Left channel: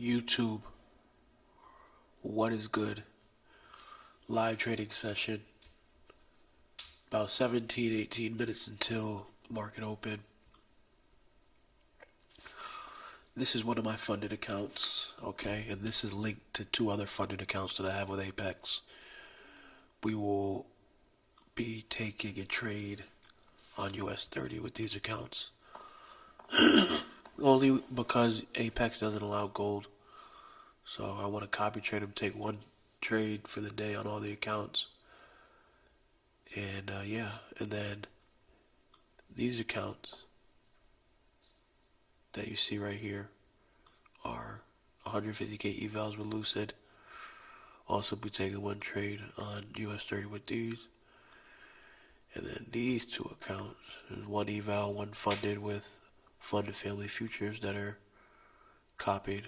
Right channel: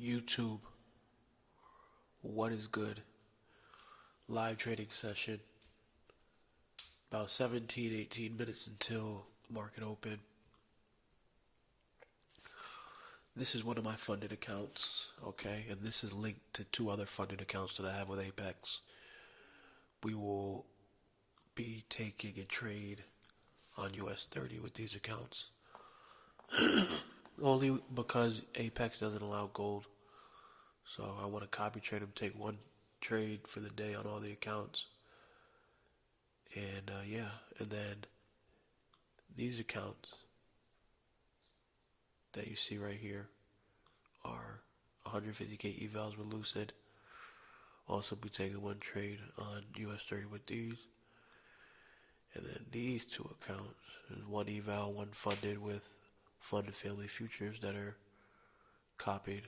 YouTube, what is good? Live trading session. About 17, 18 minutes until market open. This is one of my funded accounts, okay? And this is linked to two other funded accounts that I have with Apex. We will be taking a trade on US 30 with these accounts. Only because Apex doesn't allow gold. So I want to copy trade them, take one trade for the day on all the accounts. And and then these accounts that you see right here are 150k evals with Lucid. Also be taking one trade on US 30 with these. And then these two accounts, there's one eval, one funded with funded family futures that are copied.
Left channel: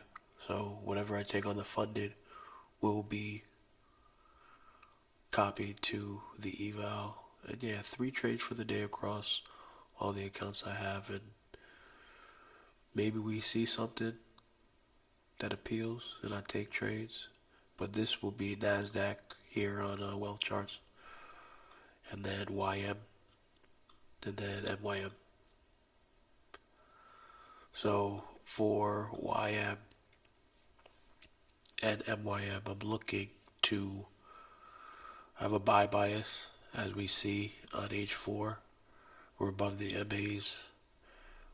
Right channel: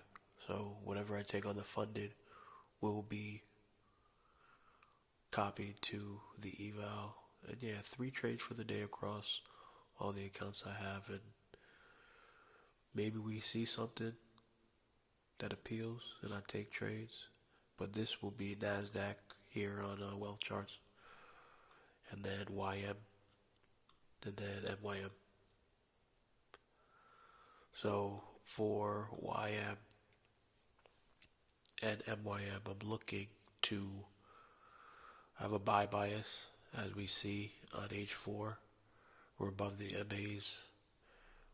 So whatever I take on the funded will be copied to the eval. And yeah, 3 trades for the day across all the accounts I have, and maybe we see something that appeals and I take trades. But this will be NASDAQ here on DrewCharts, and then YM, and then MYM. So for YM and MYM, I'm looking to have a buy bias, as we see on H4. We're above the MAs.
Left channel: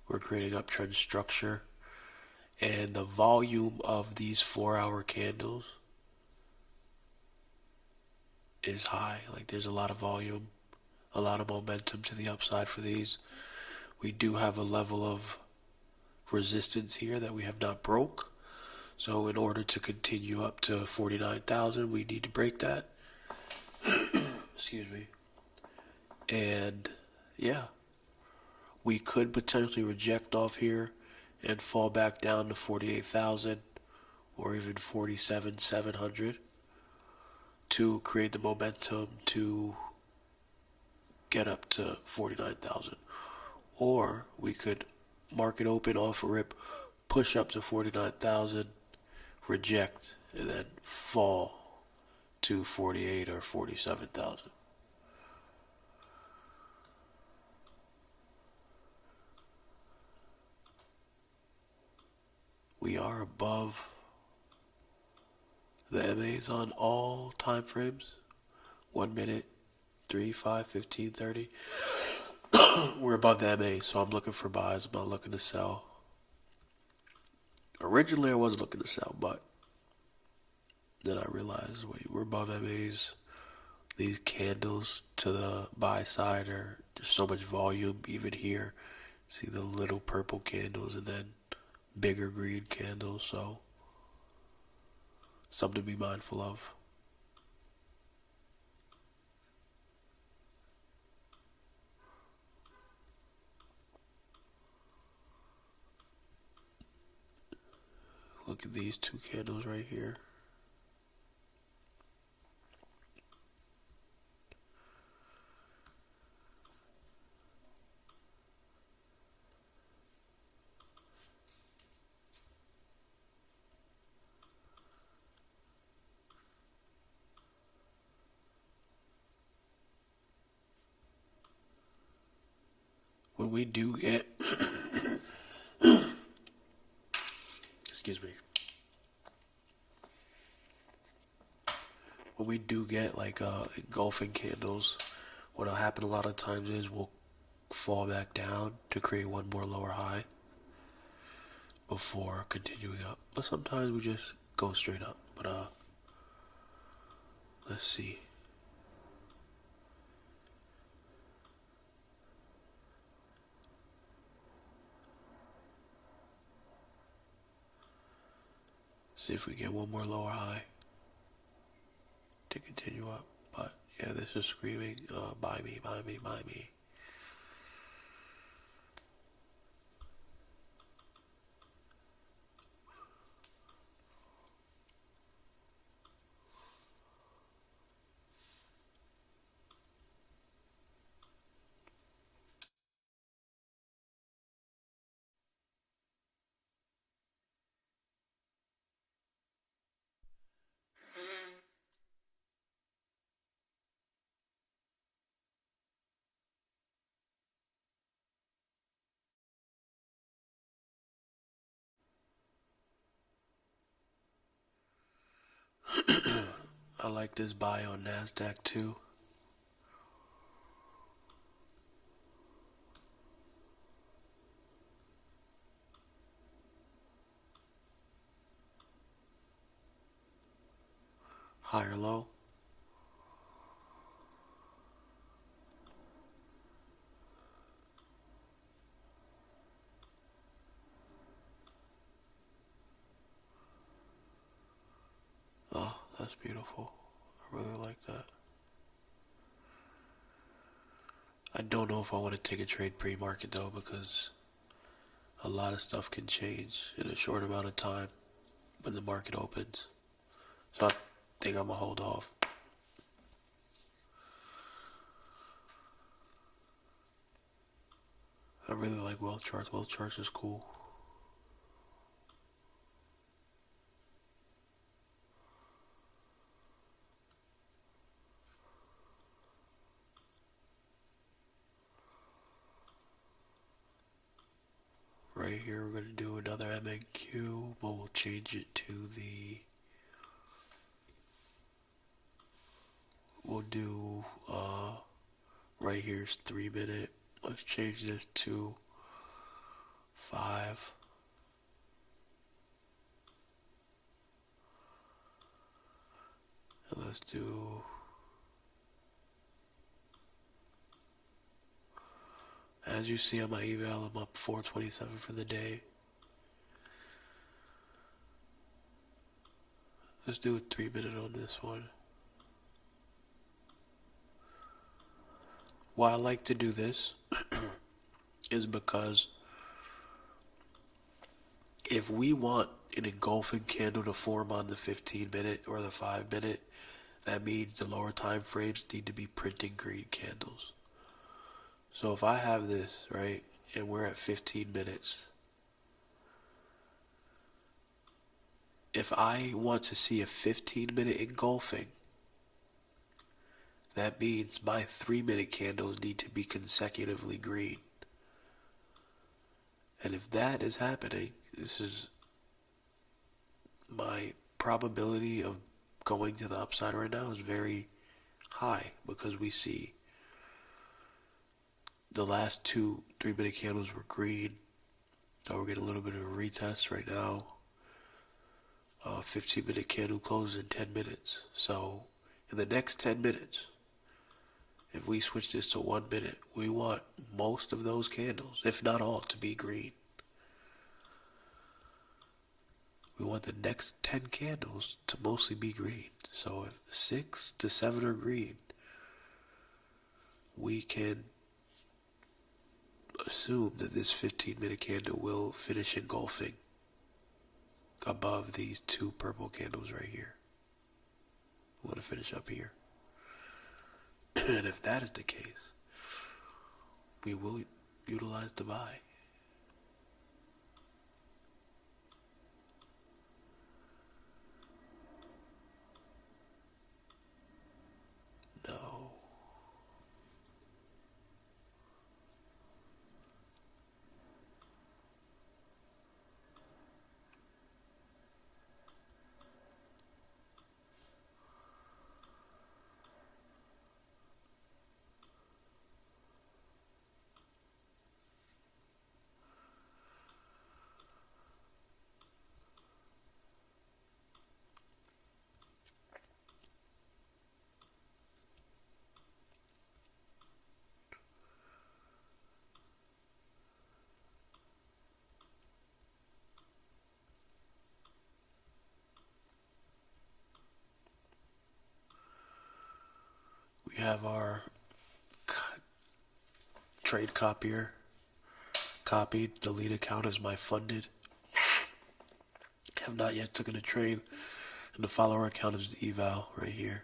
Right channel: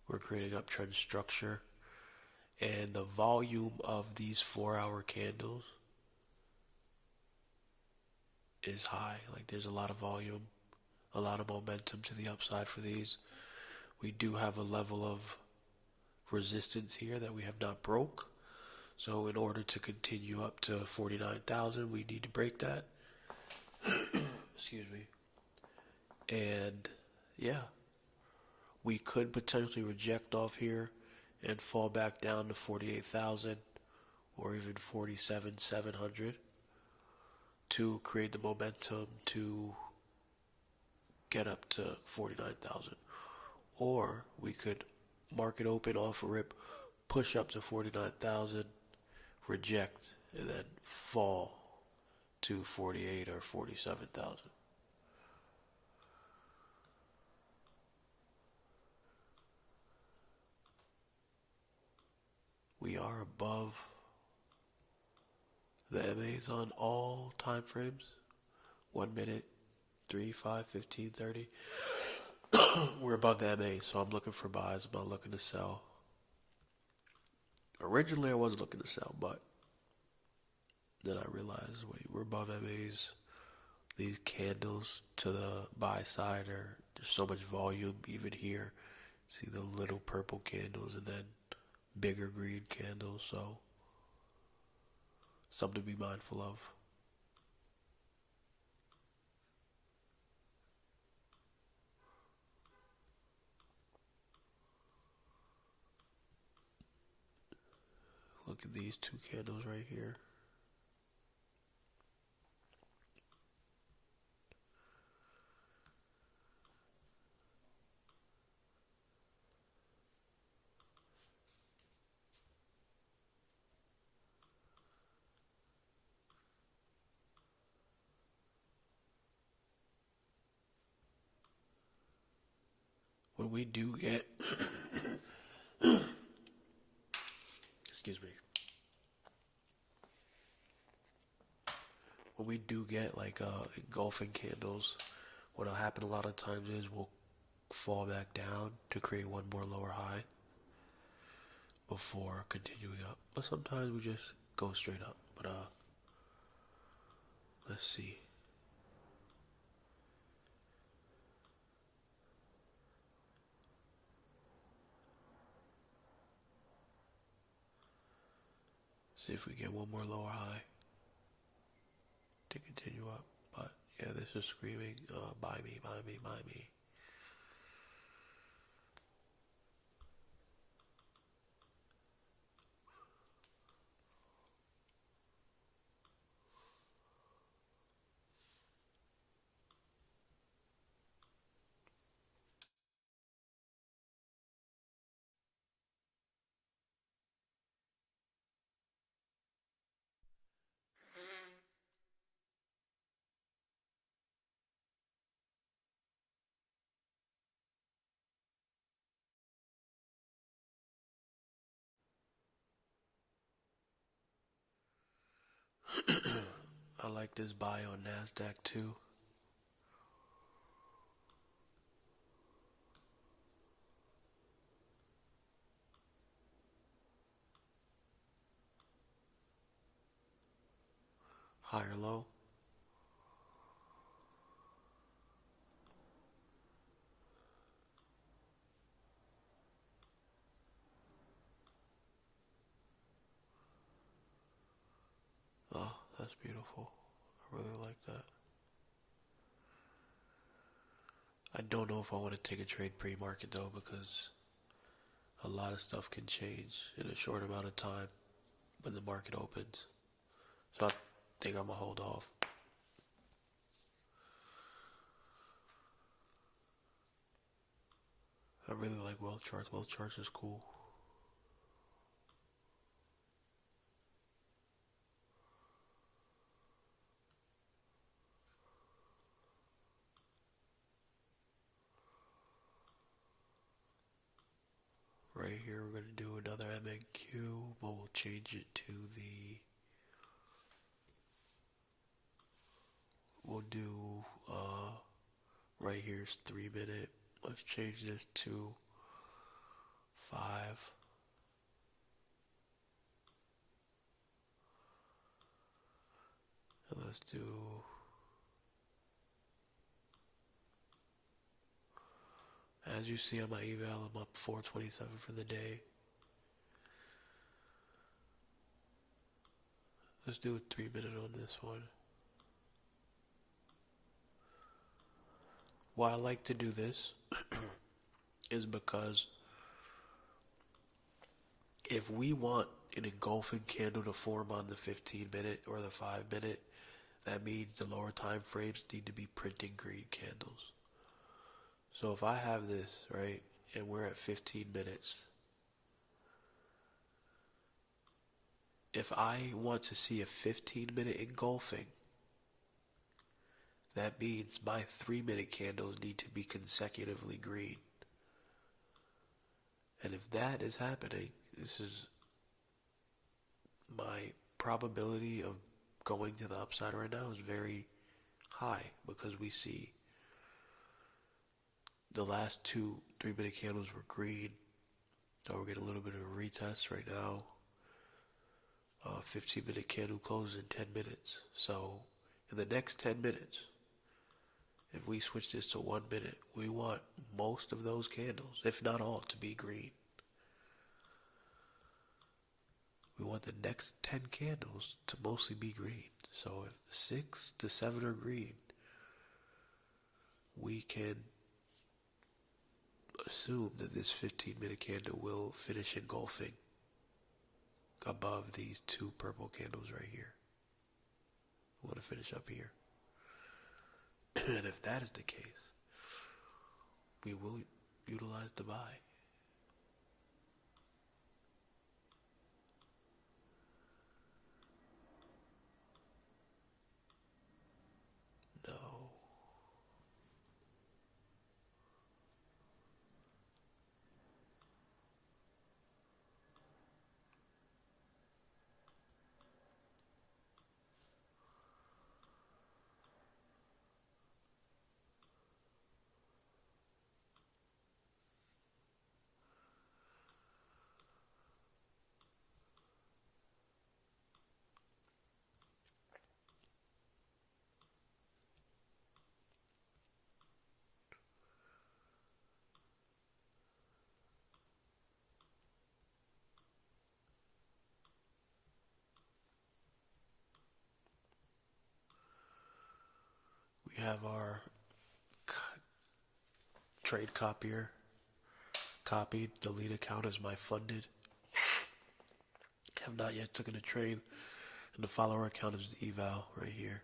We're creating uptrend structure. And the volume of these 4-hour candles is high. Like, there's a lot of volume, a lot of momentum to the upside for these. We do have a level of resistance here that we have not broke. So in order to continue up to 49,000, we need to break that. Excuse me. And yeah, we could potentially reject off here and fall back down to 48,000 or even 47,700 to create the momentum to get up to 49,000. Or we could market open off a rip, push up to 49,000, reject, and then fall to 48 or 47,000. We are above the MAs on all time frames. 1 minute, 3, 5, 15, 30. We're above the MA, so I'm looking for buys. I'm not looking to sell. Originally, I was looking to sell, but then I realized, wait, we're above MAs. These candles to the buy side there's so much volume. Even here, see the little purple candles and then bigger green candles. So something to be mindful of. Look at these two candles right here. When we do get excuse me, when we do get like engulfing candles, what'll happen a lot of times is we'll fall back down to create one more lower high before continuing up. But sometimes we just go straight up. But let's see. See if we get one more lower high to continue up. But yeah, this is screaming, buy me, buy me, buy me. I like this buy on NASDAQ too. Higher low. Oh, that's beautiful. I really like that. I don't know if I want to take a trade pre-market though, because a lot of stuff can change in a short amount of time when the market opens. So I think I'm gonna hold off. I really like wealth charts. Wealth charts is cool. Right here we're going to do another MNQ, but we'll change it to the, we'll do, right here's 3 minute. Let's change this to 5. And let's do, as you see on my eval, I'm up 427 for the day. Let's do a 3 minute on this one. Why I like to do this is because if we want an engulfing candle to form on the 15 minute or the 5 minute, that means the lower time frames need to be printing green candles. So if I have this, right, and we're at 15 minutes, if I want to see a 15 minute engulfing, that means my 3 minute candles need to be consecutively green. And if that is happening, this is my probability of going to the upside right now is very high, because we see the last 2 3 minute candles were green. So we're getting a little bit of a retest right now. 15 minute candle closes in 10 minutes. So in the next 10 minutes, if we switch this to 1 minute, we want most of those candles, if not all, to be green. We want the next 10 candles to mostly be green. So if 6 to 7 are green, we can assume that this 15 minute candle will finish engulfing above these 2 purple candles right here. I want to finish up here. And if that is the case, we will utilize the buy. No. We have our trade copier copied. The lead account is my funded. Have not yet taken a trade. And the follower account is the eval right here.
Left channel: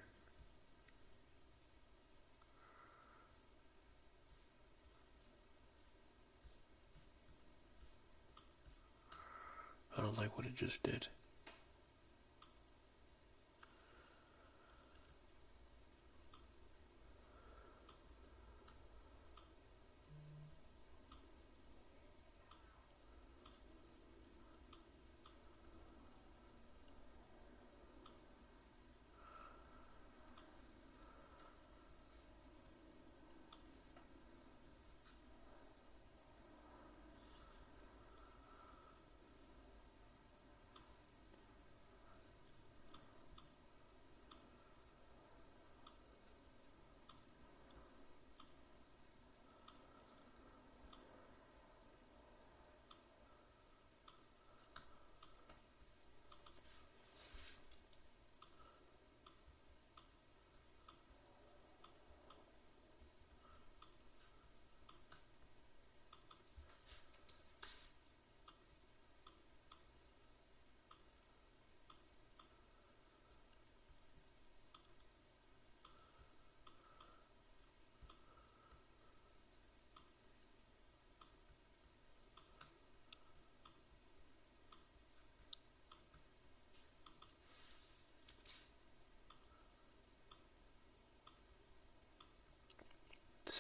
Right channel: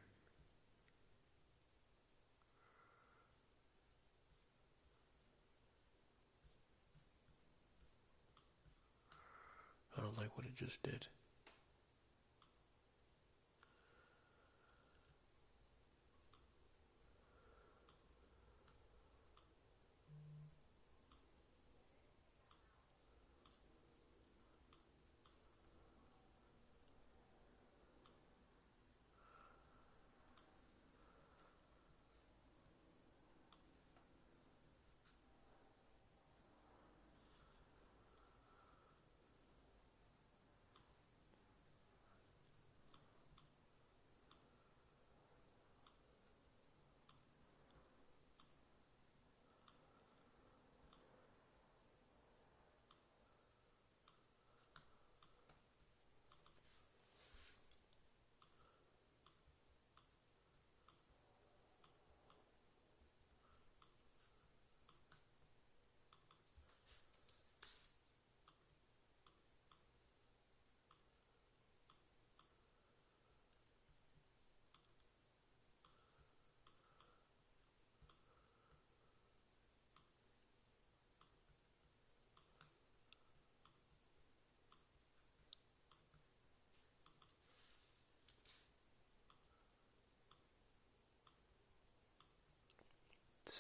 I don't like what it just did.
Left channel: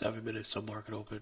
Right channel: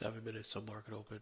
7 minutes to market open.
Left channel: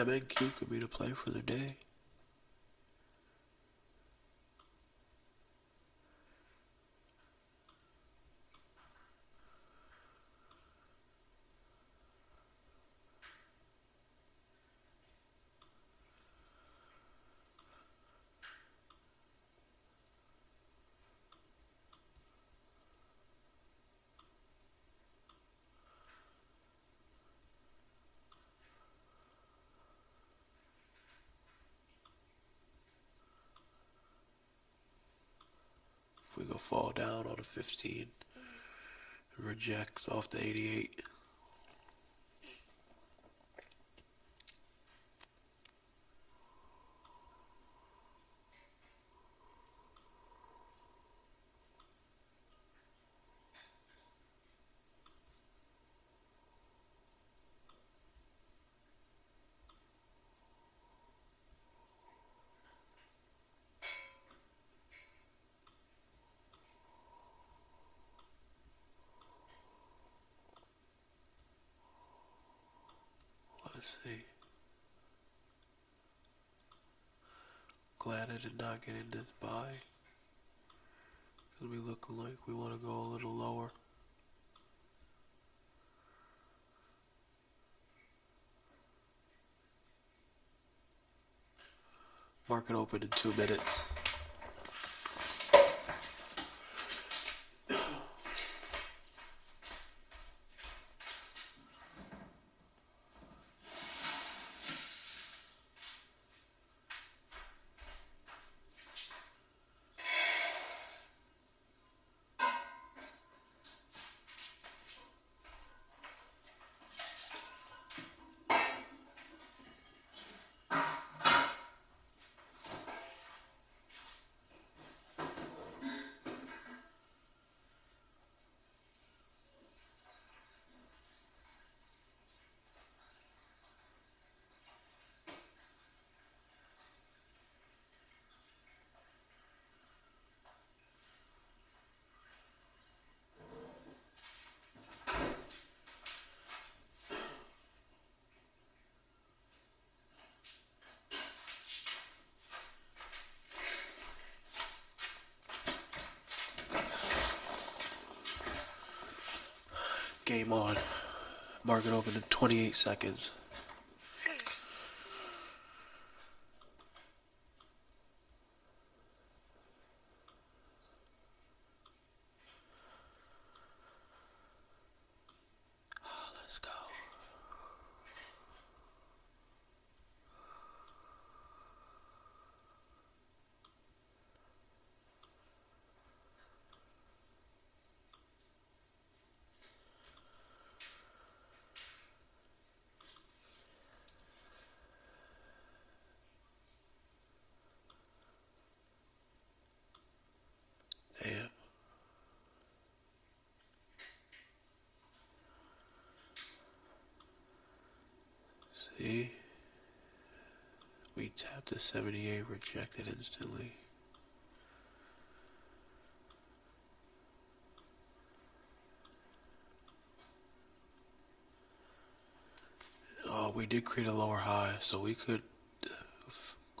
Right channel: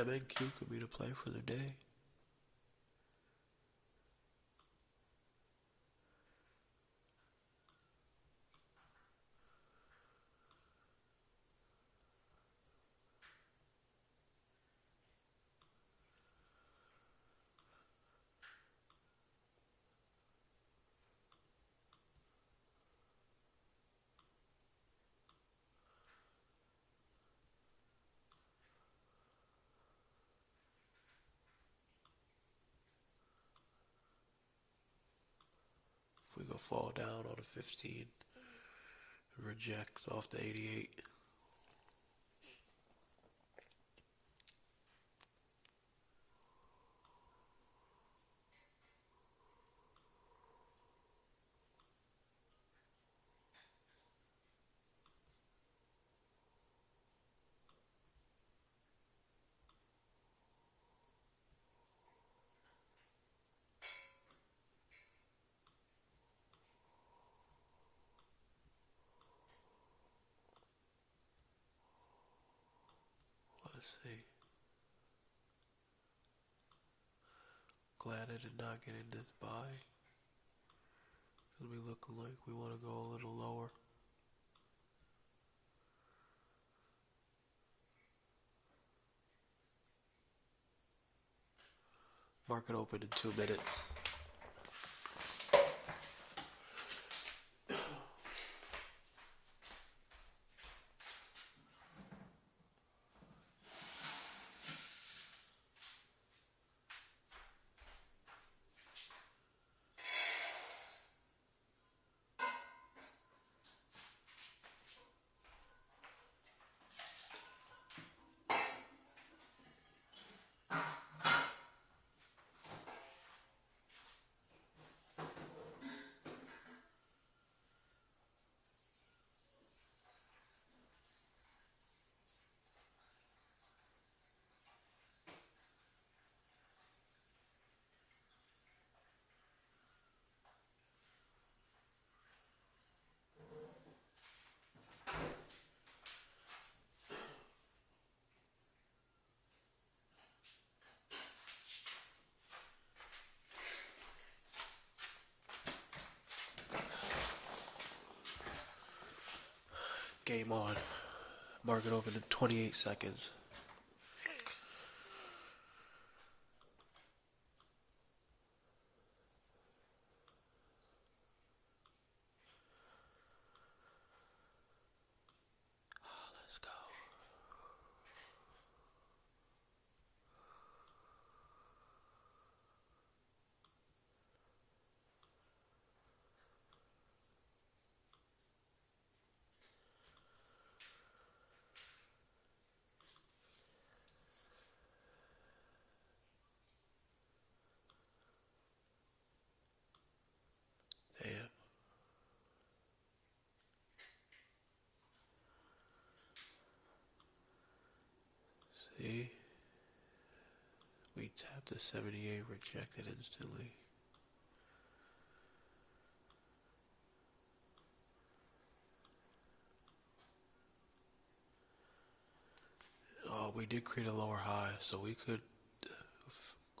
MNQ could be the play for the day. If we go fall down on a 15, reject off the 88. Let's see. Glad I did not get in this buy. Because we look like we want to go a little lower. Market open in 2 minutes. Game on. Market open in 28 seconds. Let's go. Damn. See? We tapped the 78, rejected instantly. Oh, we did create a lower high, so we could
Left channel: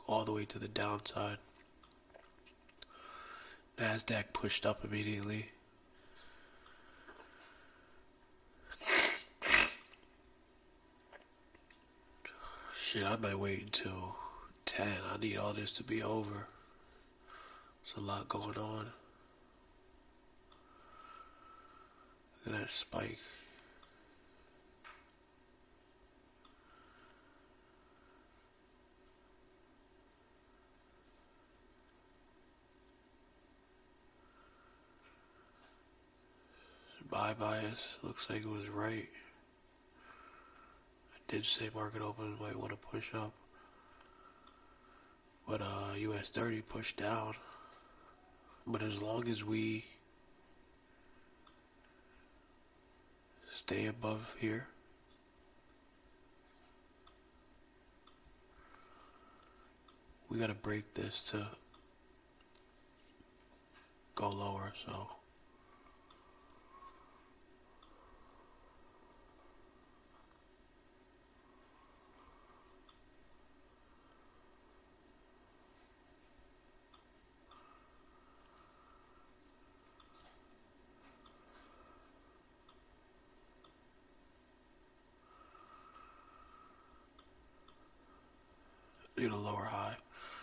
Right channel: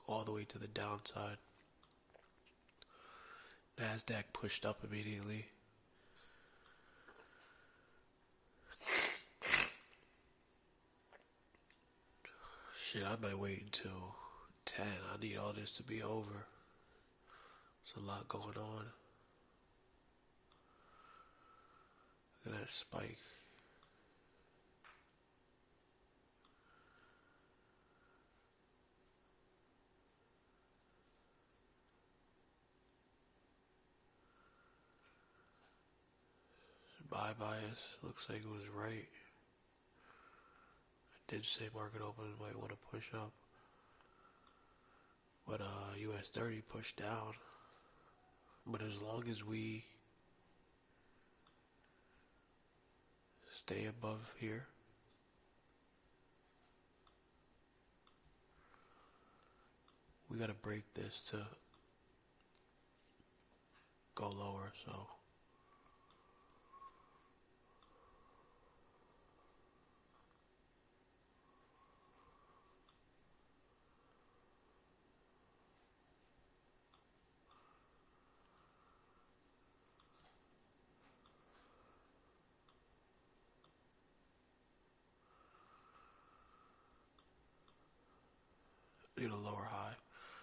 all the way to the downside. NASDAQ pushed up immediately. Shit, I might wait until 10. I need all this to be over. There's a lot going on. Look at that spike. Buy bias. Looks like it was right. I did say market open might want to push up. But US 30 pushed down. But as long as we stay above here, we gotta break this to go lower, so need a lower high.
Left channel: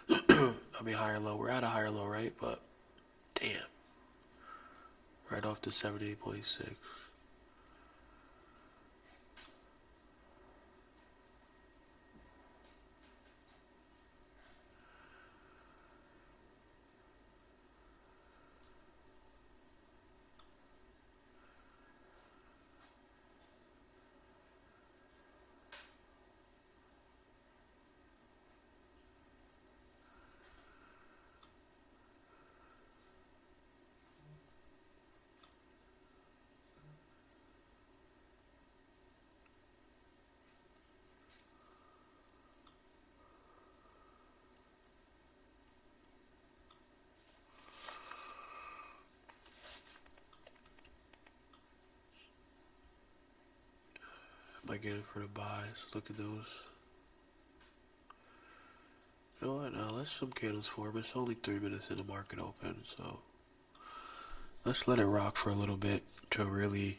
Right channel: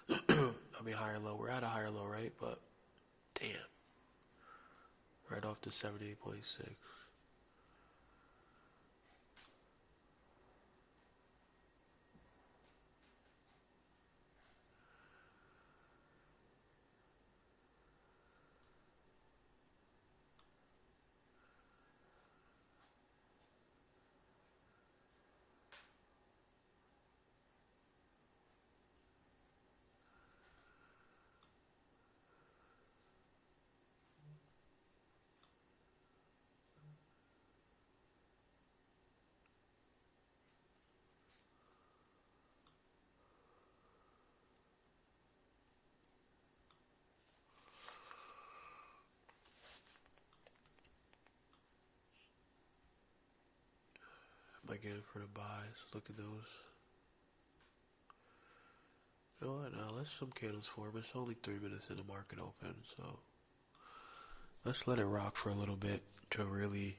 I mean higher low. We're at a higher low, right? But damn. Right off the 78.6. Might get it for the buys. Look at those. You know what? Now let's some candles form. It's only 3 minutes in the market open, so let's let it rock for a little bit to really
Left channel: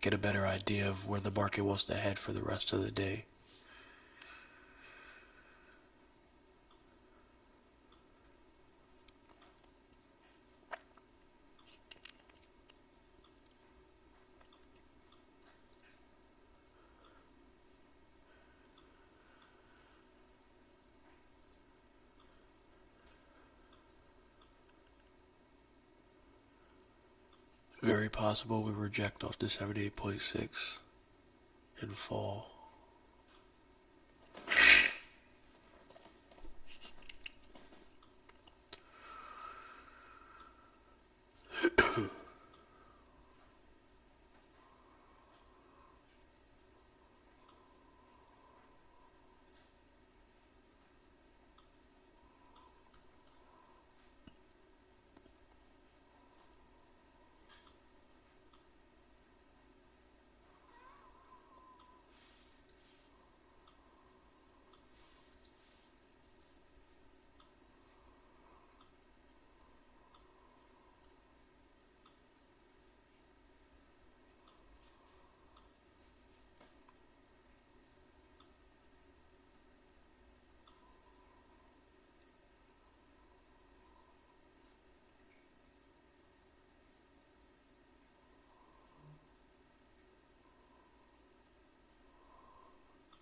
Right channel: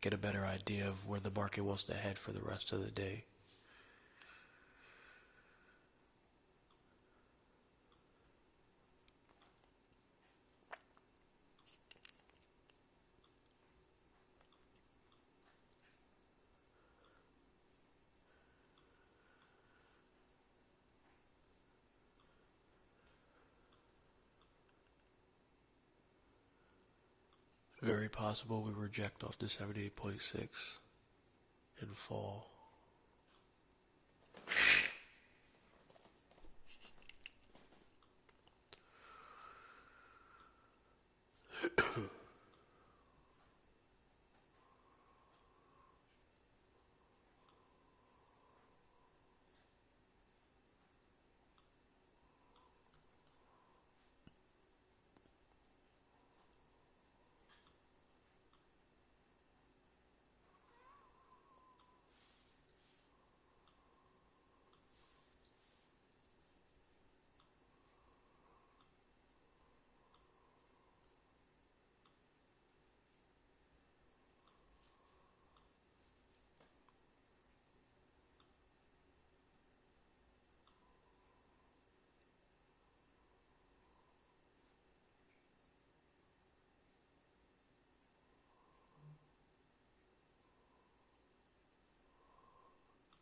get a better idea of where the market wants to head for the rest of the day. Very possible we reject off the 78.6 and fall.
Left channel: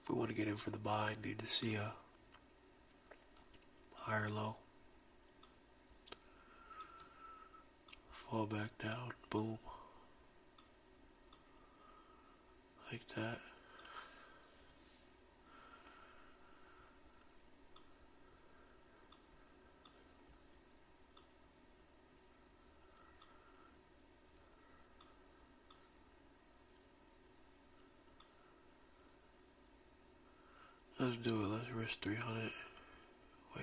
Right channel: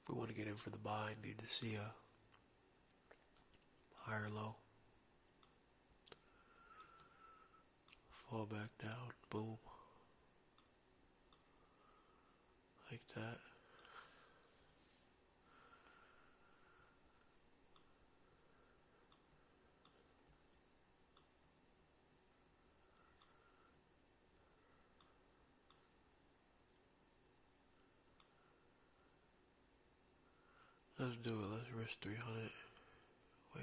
If we want to get in for the buy, need to see a higher low. Fall back down, boom. Like that. Let's do it. Let's risk 300. Wait.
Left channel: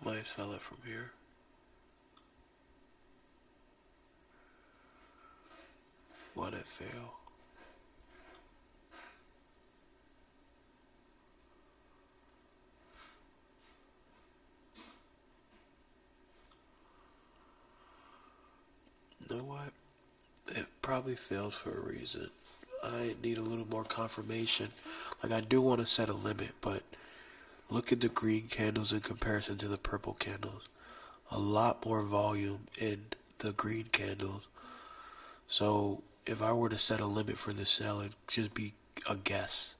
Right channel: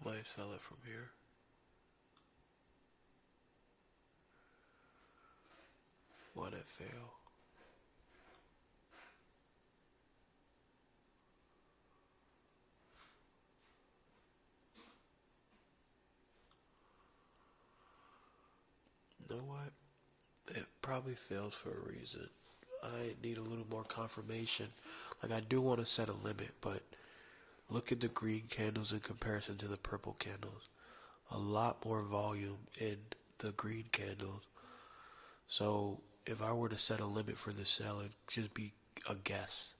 I might sell it from here. Why'd it fail? You know what? It probably failed for a reason. I need a little more confirmation. Like, I do want to set a limit, but look at the green candles in comparison to the purple candles. A lot more volume in the green candles. So if I were to set a limit for this sell, it'd just be a guess.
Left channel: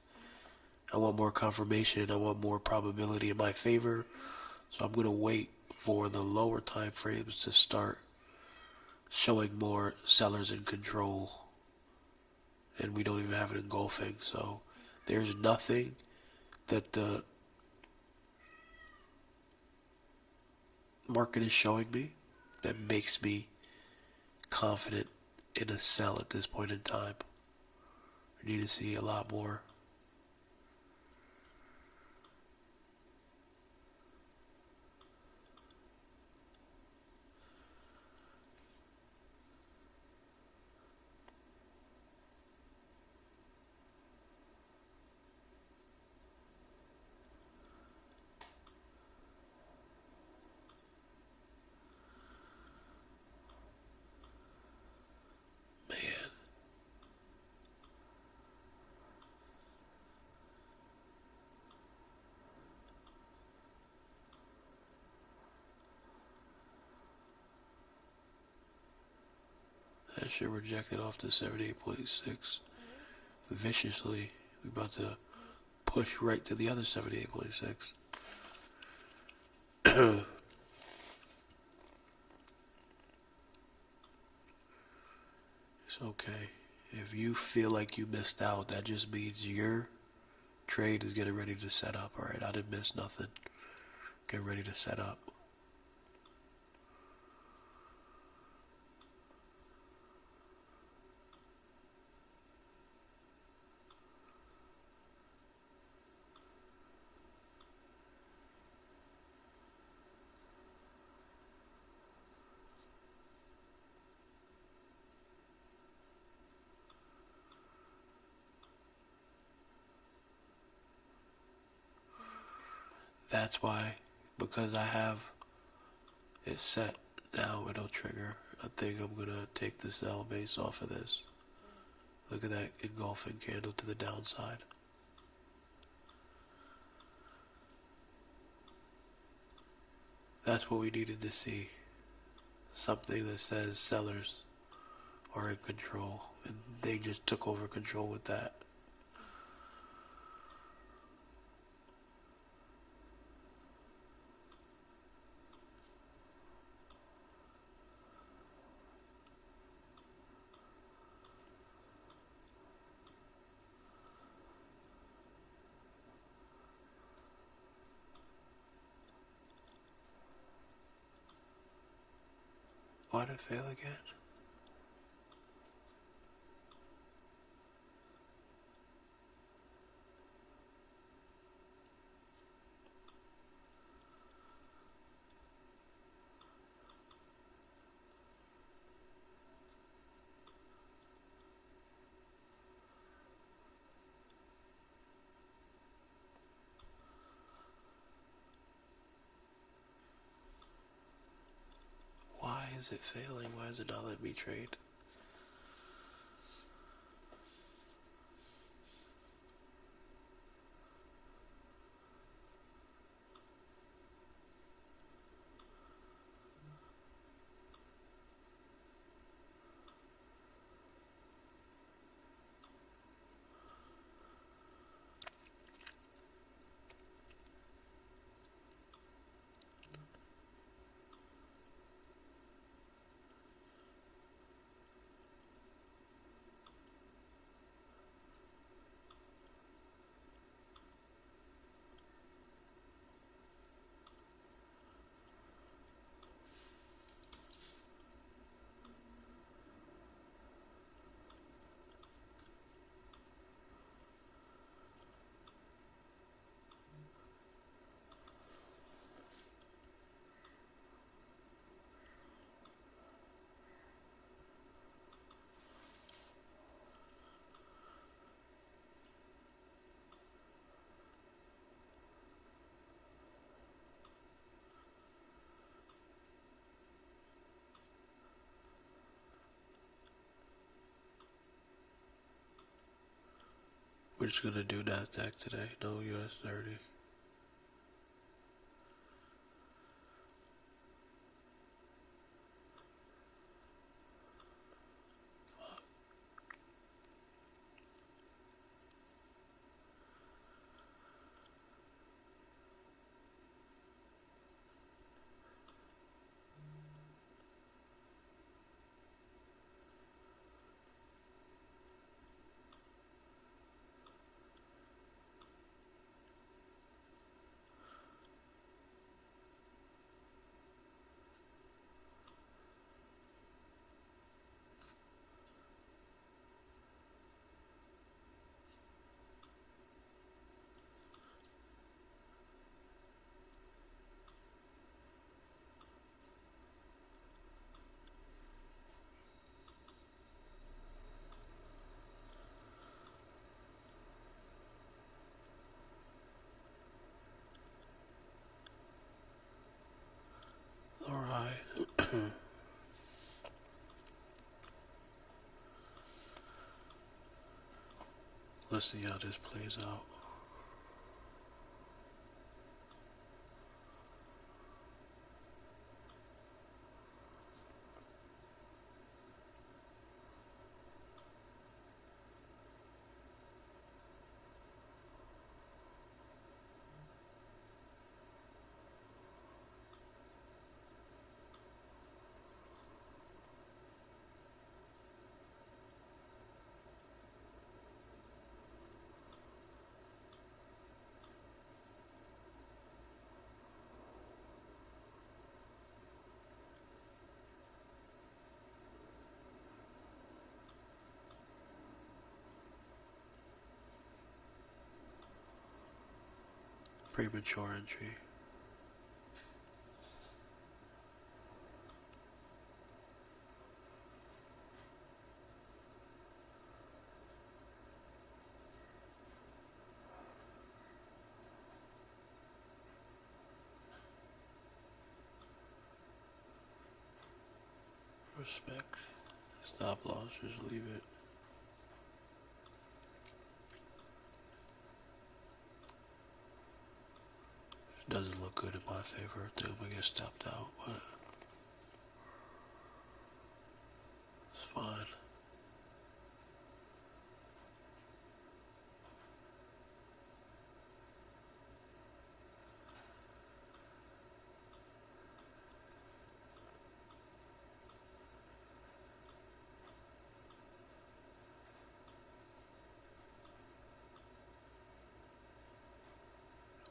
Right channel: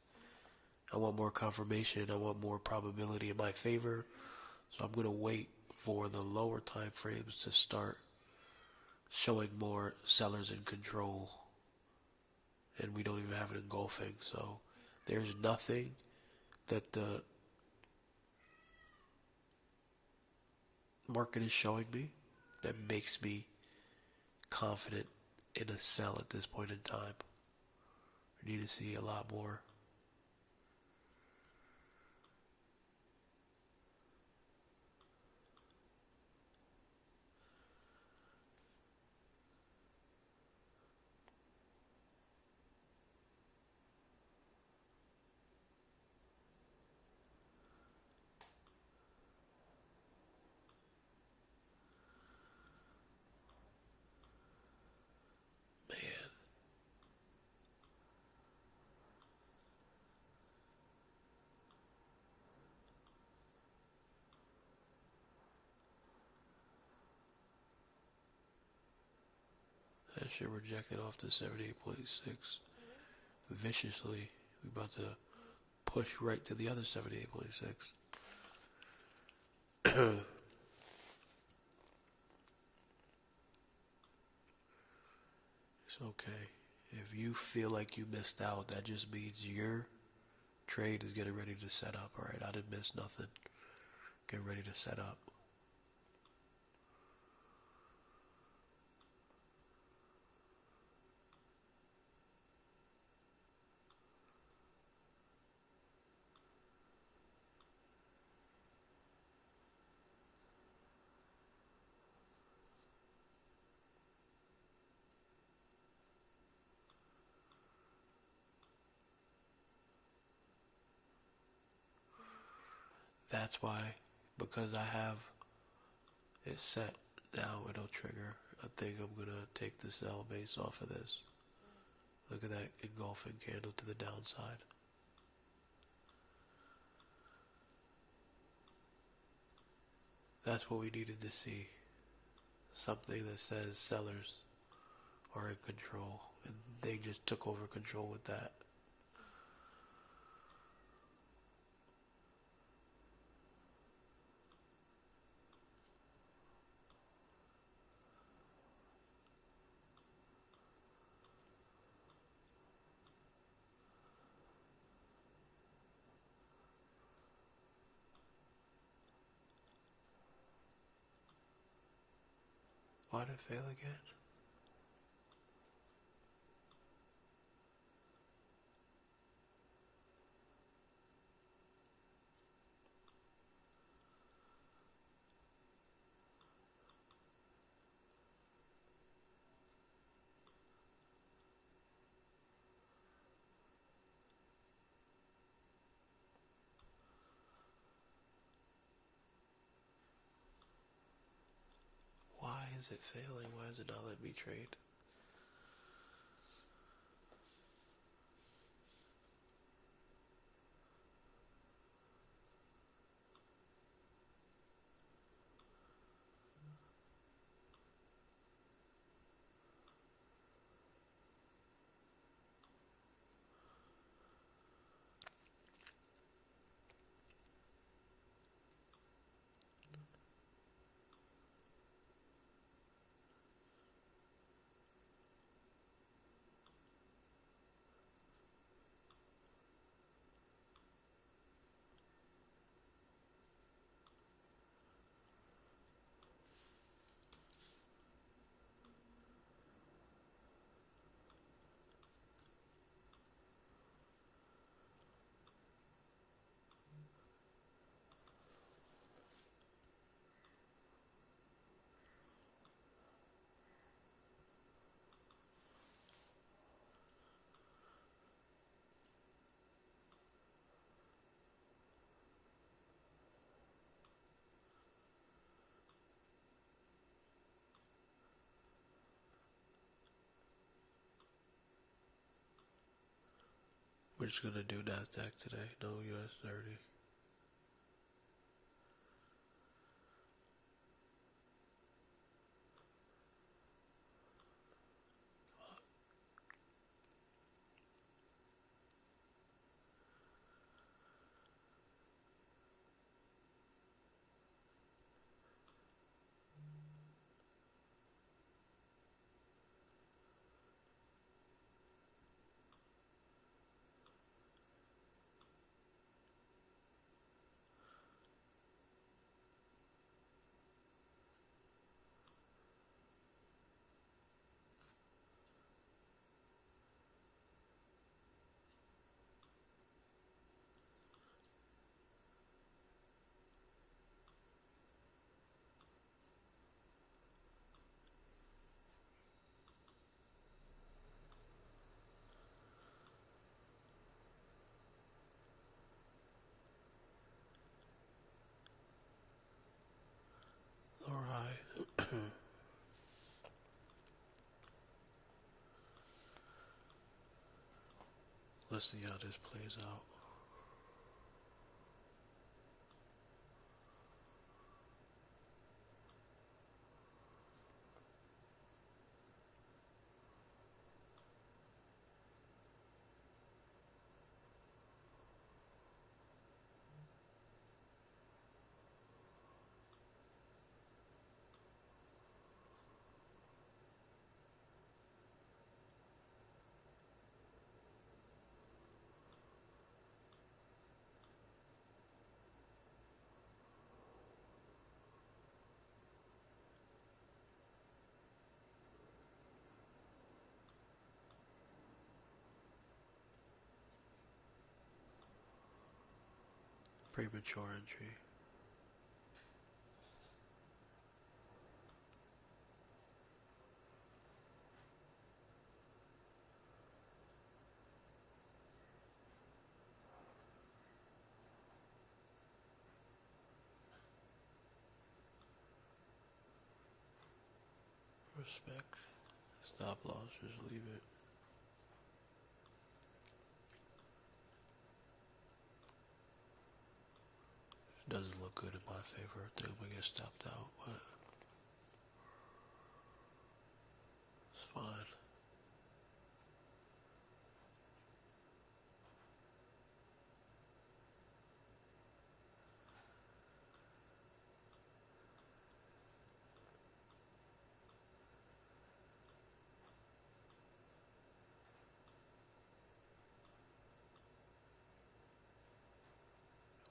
I want more confirmation. I want more probability in my favor. So I'm going to wait for the lower time frames to start showing more sellers in control. And we don't even have it engulfing. So there's nothing that the market is showing me that makes me confident in a sell at this point in time. I need to see a lot more. That shit rejected off to 78.6 viciously. We about to push right to the other 78.6. It's okay. If you feel like you missed out, that just means your trade is getting ready to set up. Alright, I didn't miss nothing. Get ready to set up. That's why, because I have it set now, it'll trigger. I think I'm gonna take the sell base off of this. Look at that engulfing candle to the downside. That's what we needed to see. Something that says sellers are in control, and they just took over control with that. Why'd it fail again? Why is it failing? Why is it not letting me trade? We're just gonna do NASDAQ today, no US 30. Alright. Let's see how this plays out. Premature entry. Respect. Stop loss, just leave it. Doesn't look good in my favor. I think I'm gonna get stepped out, but it's fine.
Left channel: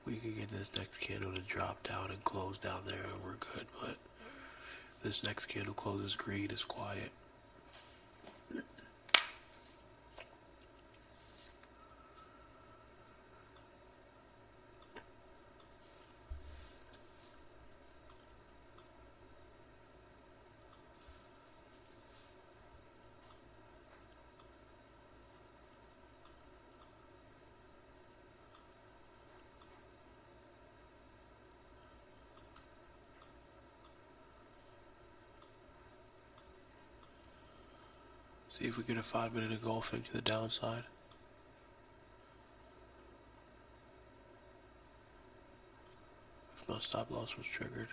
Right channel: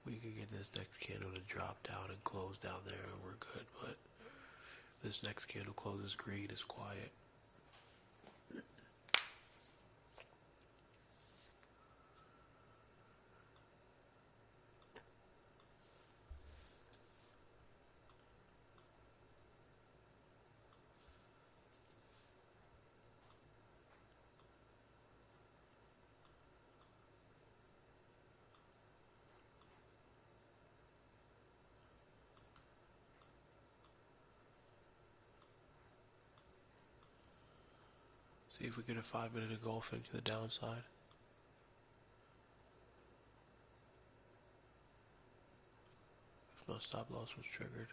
We can get this next candle to drop down and close down there and we're good, but This next candle closes green is quiet. See if we get a 5-minute engulfing to the downside. If no stop loss was triggered.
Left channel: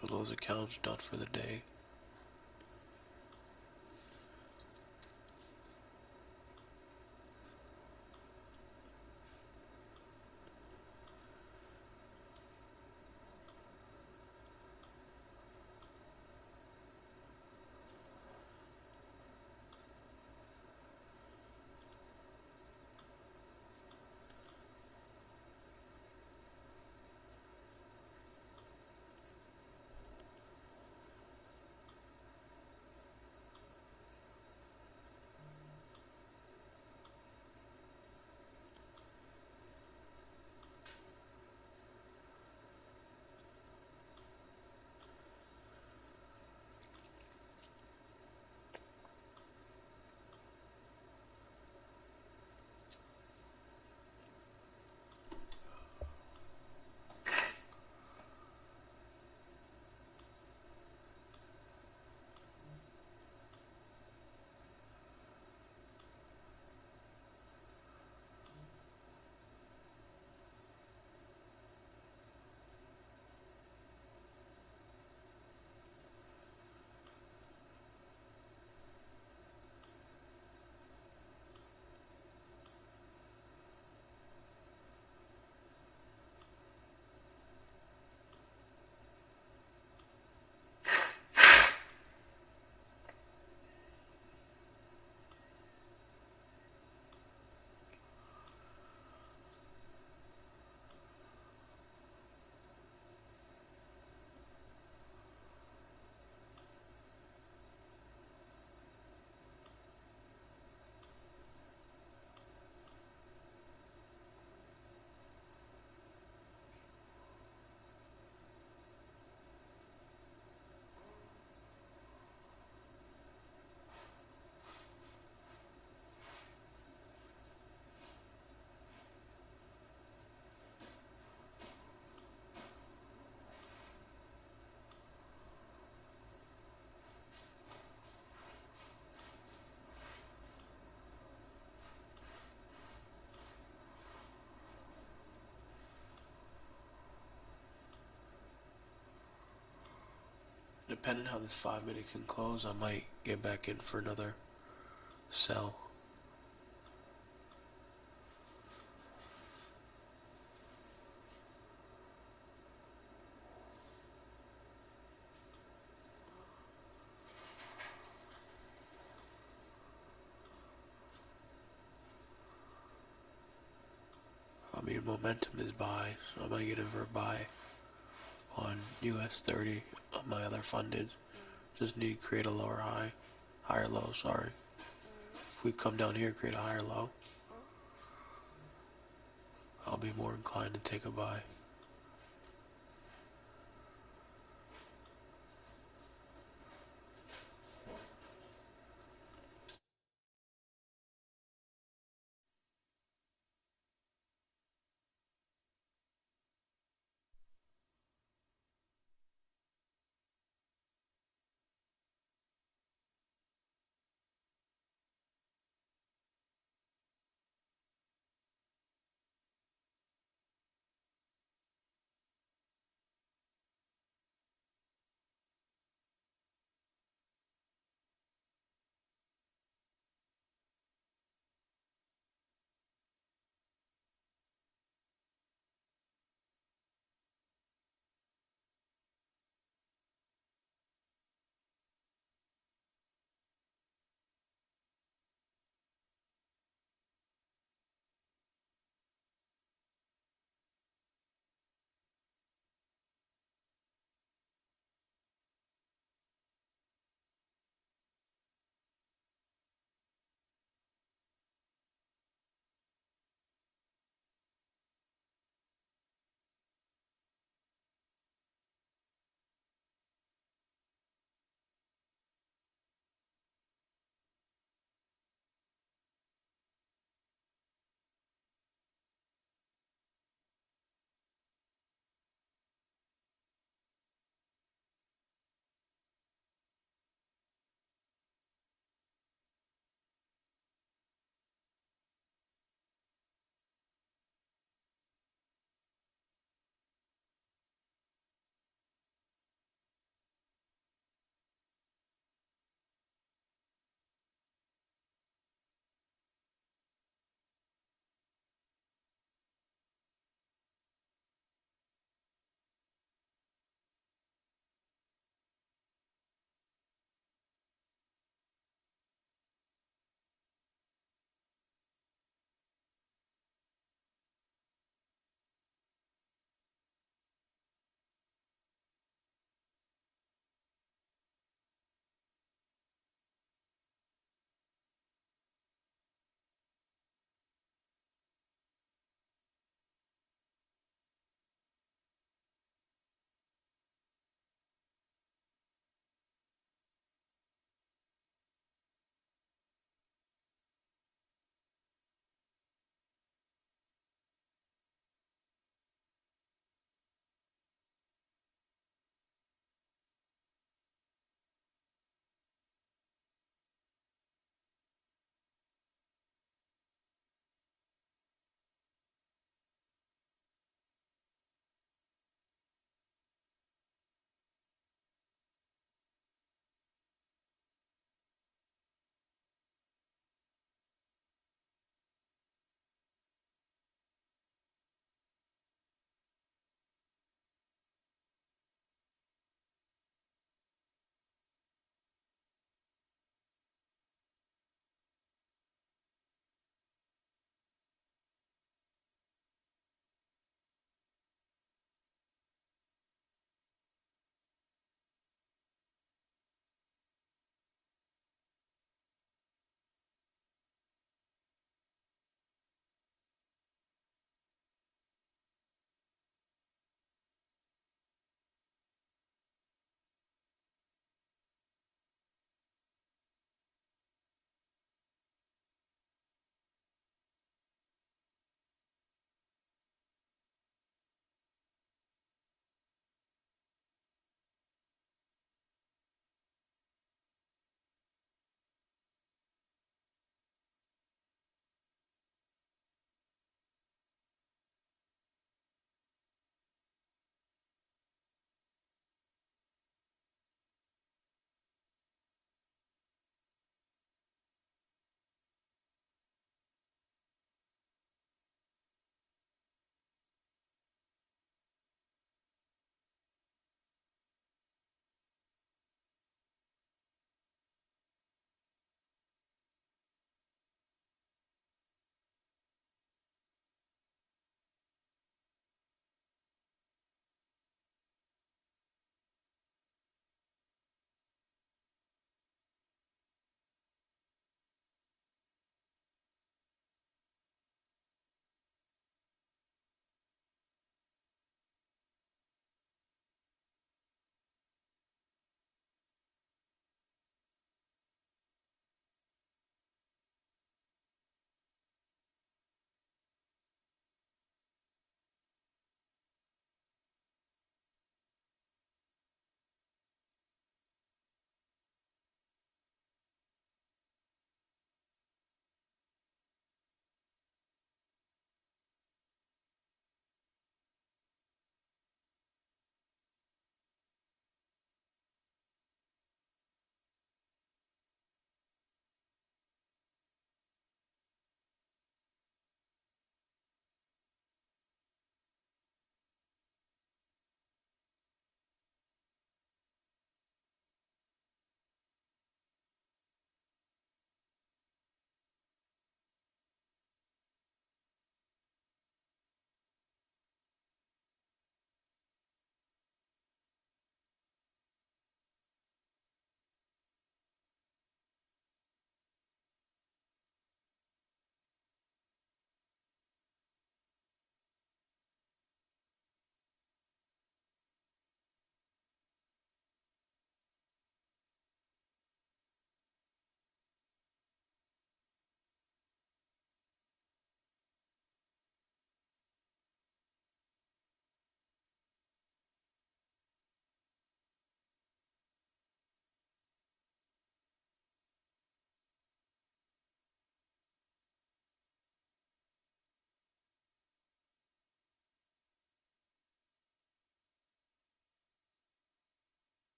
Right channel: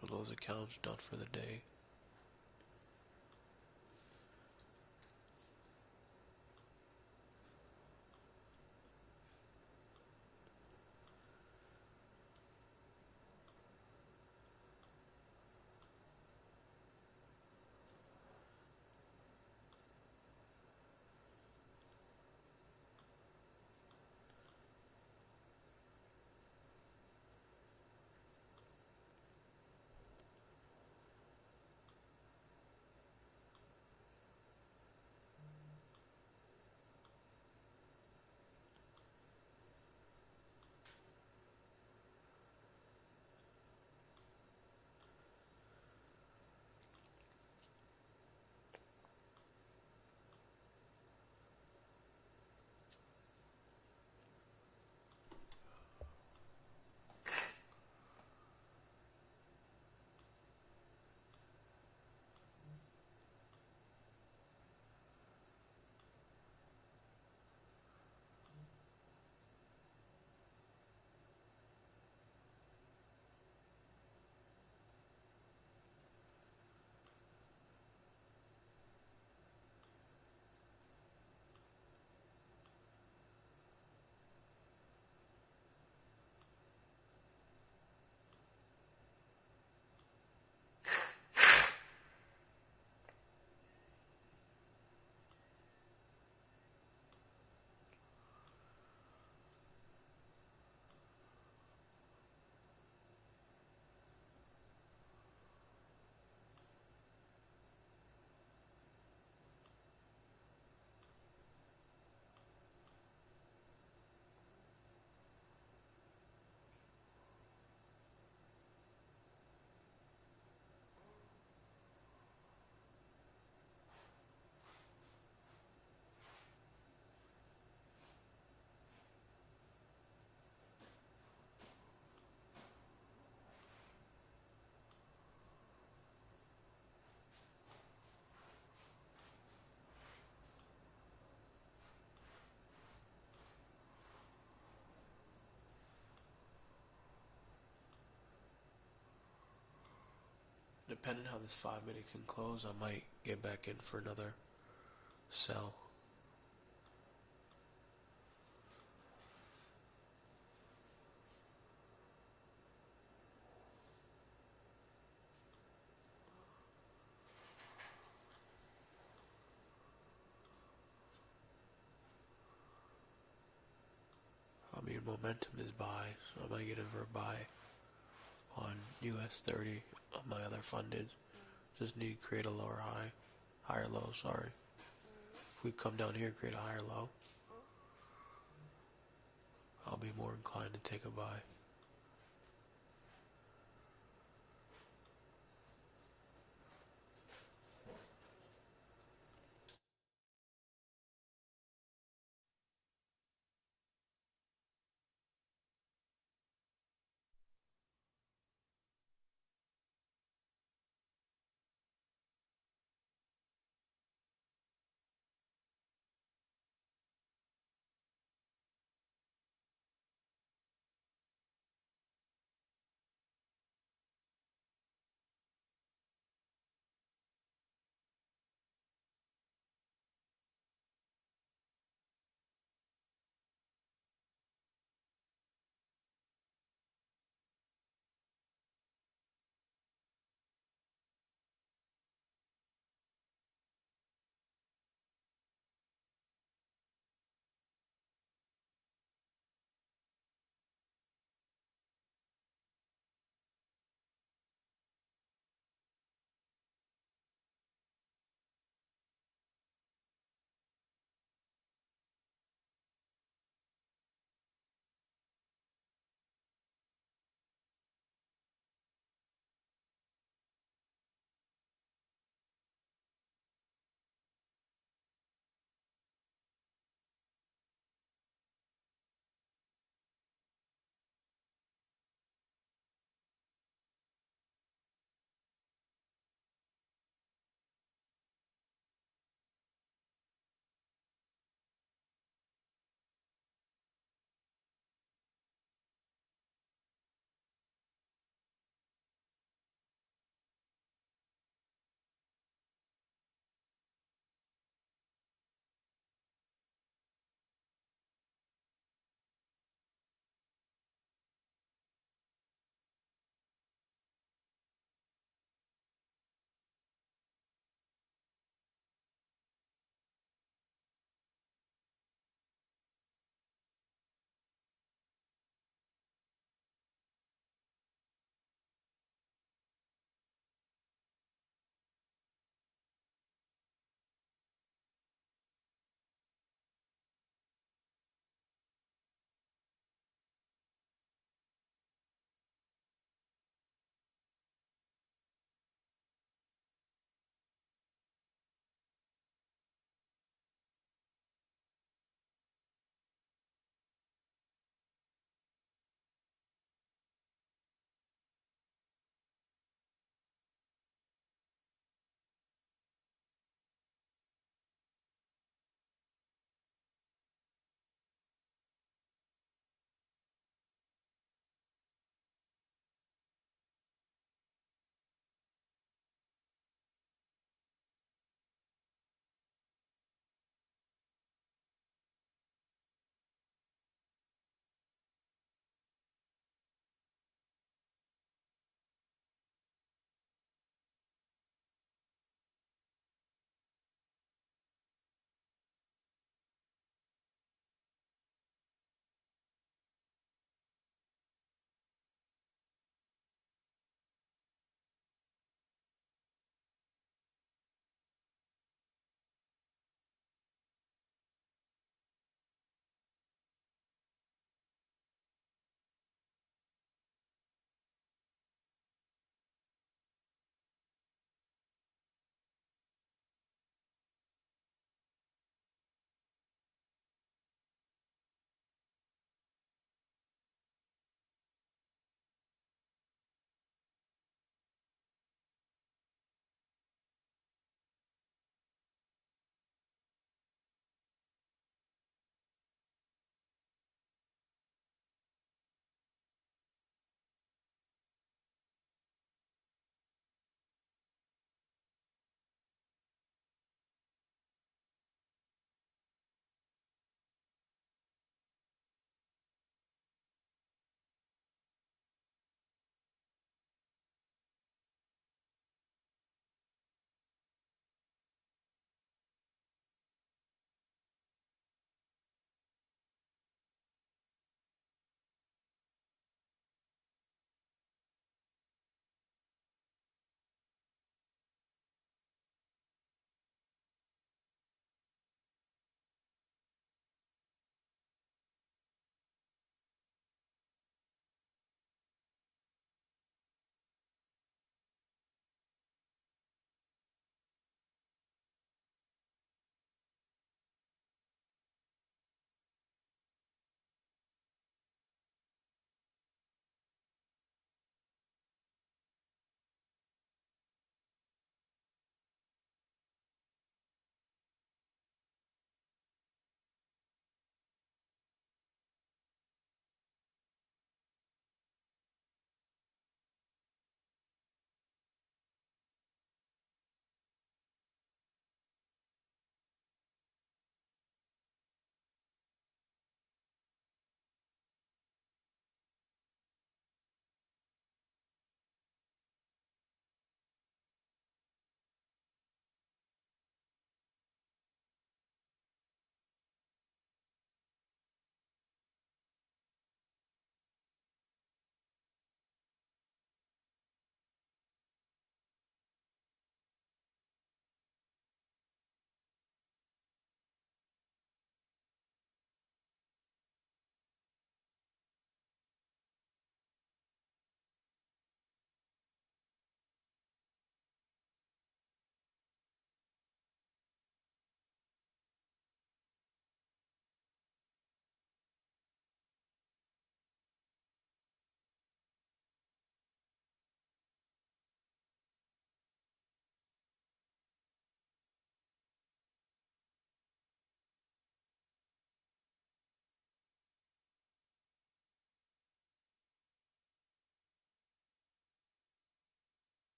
So those accounts done for the day. Depending how this 5-minute can close, I might get back in for another sell. I mean, momentum is buy, so I might get in for a buy on US 30 on my other funded. Just need to create a lower high, higher low, sorry. If we come down here, create a higher low, I'll be more inclined to take a buy.